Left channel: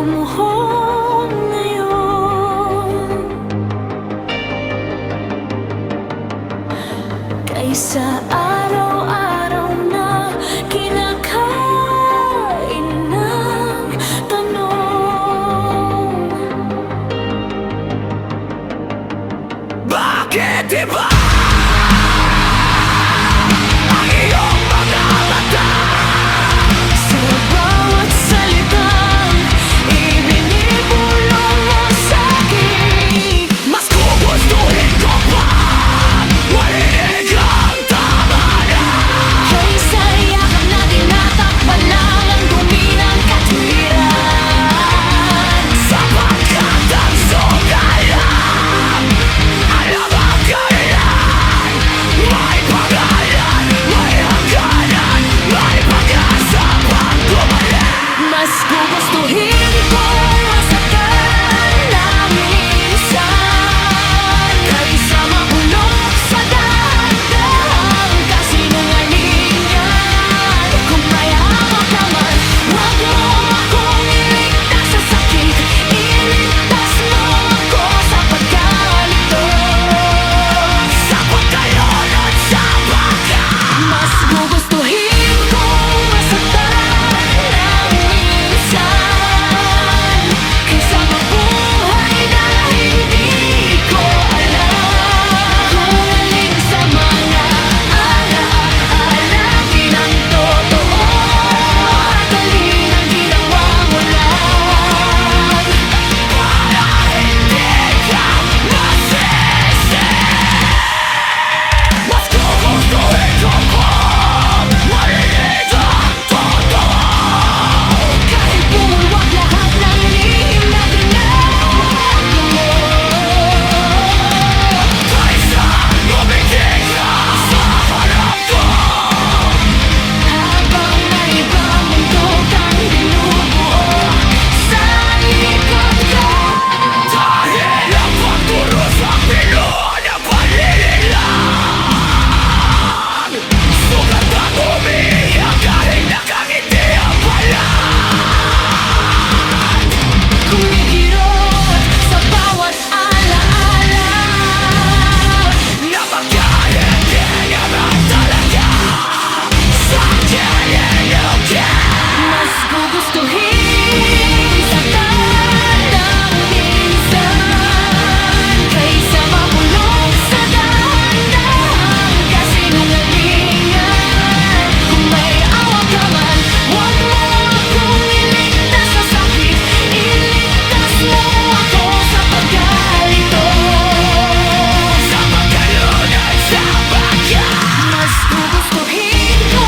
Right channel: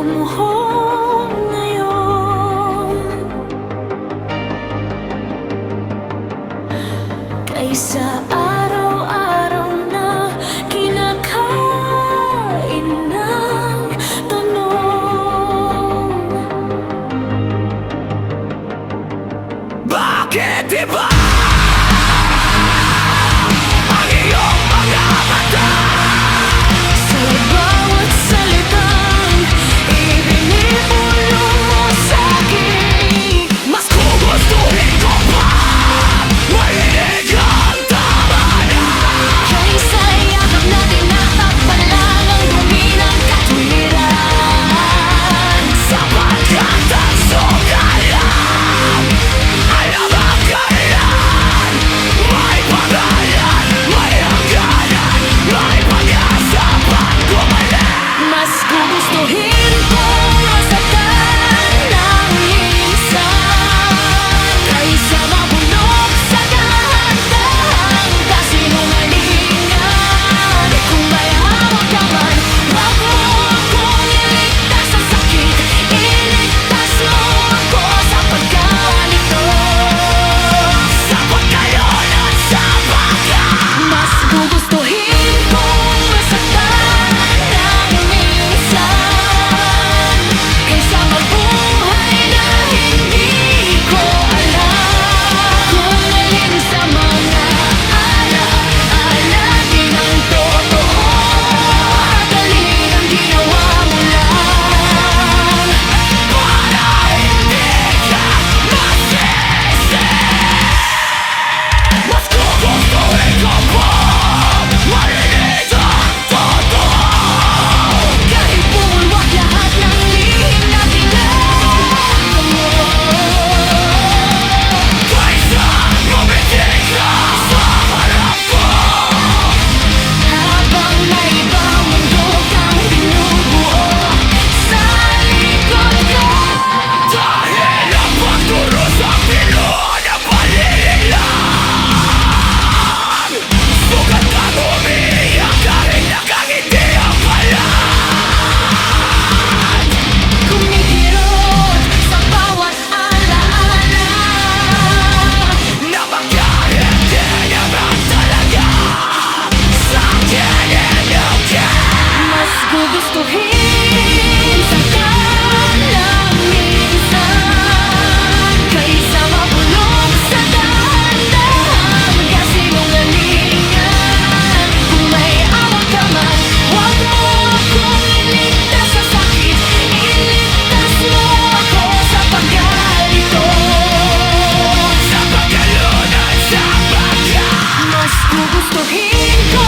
Kumuhong ngayon kaysa araw-araw na kinakain ng tanong. Bakit iba ang iyong mga mata? Sa bawat salitang ibinibulong mo sa'kin, Mas gugustuhin ko pa marinig ang tama na. kaysa yakap na tinatakpan lang ang dumi ng katwiran. Sapagkat ang sugayang alam ang kailan. May pangalan, may hangganan, may pag-asa pang gumaling. Mas gugustuhin kong masaktan ng minsan kaysa mabulok sa dahan-dahang kasinungalingan. Kung may hawak ka man, wag mo akong iligtas sa sakit. Iligtas mo ako sa pagkalito. Sapat kayo nun sa baka. Mas gugustuhin kong masaktan ng minsan kaysa mabuhay na hindi ko alam kung alin sa mga alaala din ang totoo at alin ang ginawa mo lang. Para hindi ka masisi. Mas gugustuhin ko pa marinig ang totoo. Kahit bumulwak lahat ng lihim na tinago mo, Kaysa ngumiti ka sa harap ko. habang may ibang mundo kang binubuo sa likod ko. Dahil ang pagturos ang pinuha ng palilinlang. Sugat ang umiiyak dahil nakangiti ang balat. Kumikirot sa bawat alaala, Na bakit hindi naman talaga sa akin inukit. mas gugustuhin saktan ng minsan kaysa mabulok sa dahan-dahang kasinungalingan. Kung may awa ka man, wag mo akong iligtas sa sakit. Iligtas mo ako sa pagkalito. Sa pagkalunod sa baka. Mas gugustuhin ko